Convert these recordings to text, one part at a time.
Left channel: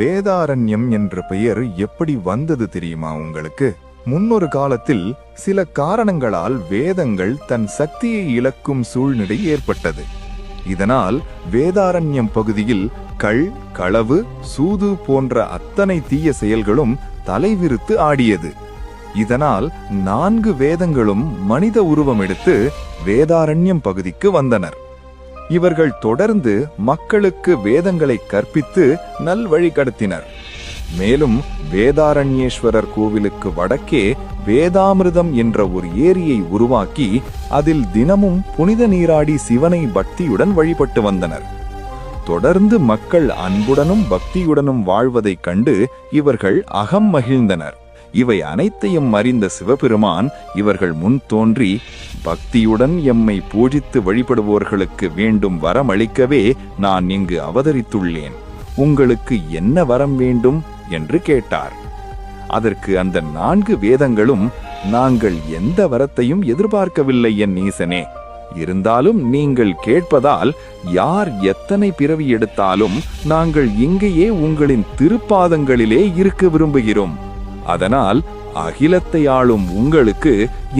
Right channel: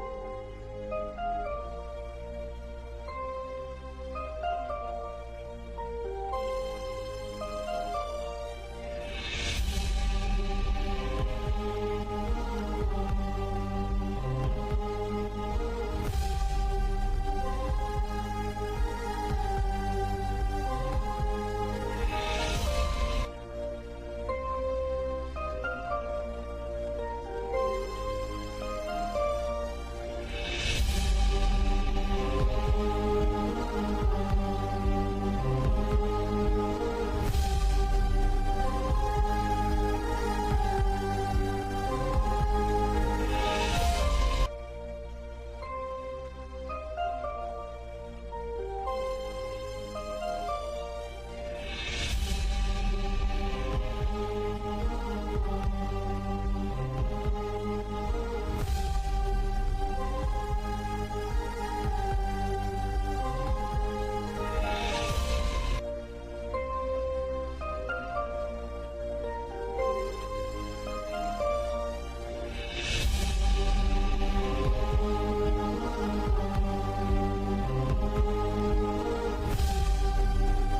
வேதாரண்யம் என்ற பெயர் எப்படி வந்தது தெரியுமா உங்களுக்கு? முன்னொரு காலத்தில் சில காரணங்களால் வேதங்கள் தன் சக்தியை இழக்கும் சூழ்நிலை ஏற்பட்டது. இதனால் வேதாரண்யம் பகுதியில் களவு, சூது போன்ற அத்தனை தீய செயல்களும் தலைவிரித்து ஆடியது. இதனால் 4 வேதங்களும் மனித உருவம் எடுத்து வேதாரண்யம் பகுதிக்கு வந்தனர். இவர்கள் தொடர்ந்து மக்களுக்கு வேதங்களை கற்பித்து நல்வழி கடத்தினர். மேலும் வேதாரண்யேஸ்வரர் கோவிலுக்கு வடக்கே வேதாமிர்தம் என்ற ஒரு ஏரியை உருவாக்கி அதில் தினமும் புனித நீராடி சிவனை பக்தியுடன் வழிபட்டு வந்தனர். தொடர்ந்து மக்கள் அன்புடனும் பக்தியுடனும் வாழ்வதைக் கண்டு இவர்கள் அகம் மகிழ்ந்தனர். இவை அனைத்தையும் அறிந்த சிவபெருமான் இவர்கள் முன் தோன்றி, பக்தியுடன் எம்மை பூஜித்து வழிபடுவோர்களுக்கு வேண்டும் வரம் அளிக்கவே நான் இங்கு அவதரித்துள்ளேன். உங்களுக்கு என்ன வரம் வேண்டும் என்று கேட்டார். அதற்கு அந்த 4 வேதங்களும், நாங்கள் எந்த வரத்தையும் எதிர்பார்க்கவில்லை என் ஈசனே. இருந்தாலும் நீங்கள் கேட்பதால் யார் எத்தனை பிறவி எடுத்தாலும் நாங்கள் இங்கேயே உங்களின் திருப்பாதங்களிலே இருக்க விரும்புகிறோம். அதனால் அகிலத்தை ஆளும் உங்களுக்கு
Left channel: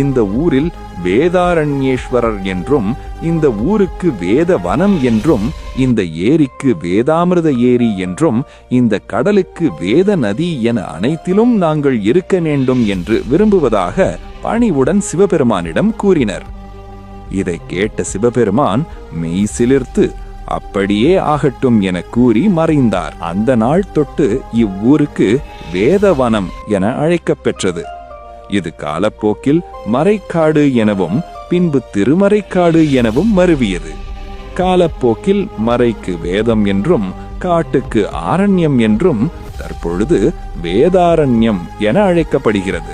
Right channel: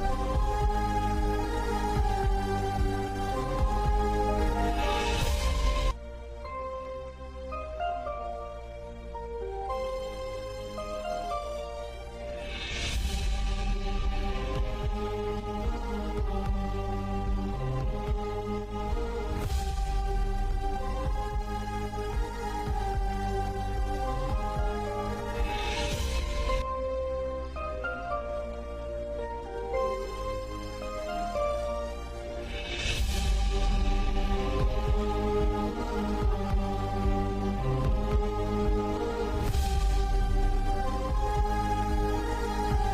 இந்த ஊரில் வேதாரண்யேஸ்வரர் என்றும், இந்த ஊருக்கு வேத வனம் என்றும், இந்த ஏரிக்கு வேதாமிர்த ஏரி என்றும், இந்த கடலுக்கு வேத நதி என அனைத்திலும் நாங்கள் இருக்க வேண்டும் என்று விரும்புவதாக பணிவுடன் சிவபெருமானிடம் கூறினர். இதை கேட்ட சிவபெருமான் மெய் சிலிர்த்து அப்படியே ஆகட்டும் என கூறி மறைந்தார். அந்த நாள் தொட்டு இவ்வூருக்கு வேதவனம் என அழைக்கப் பெற்றது. இது காலப்போக்கில் மறைக்காடு எனவும் பின்பு திருமறைக்காடு எனவும் மருவியது. காலப்போக்கில் மறைக்கு வேதம் என்றும் காட்டுக்கு ஆரண்யம் என்றும் தற்பொழுது வேதாரண்யம் என அழைக்கப்படுகிறது.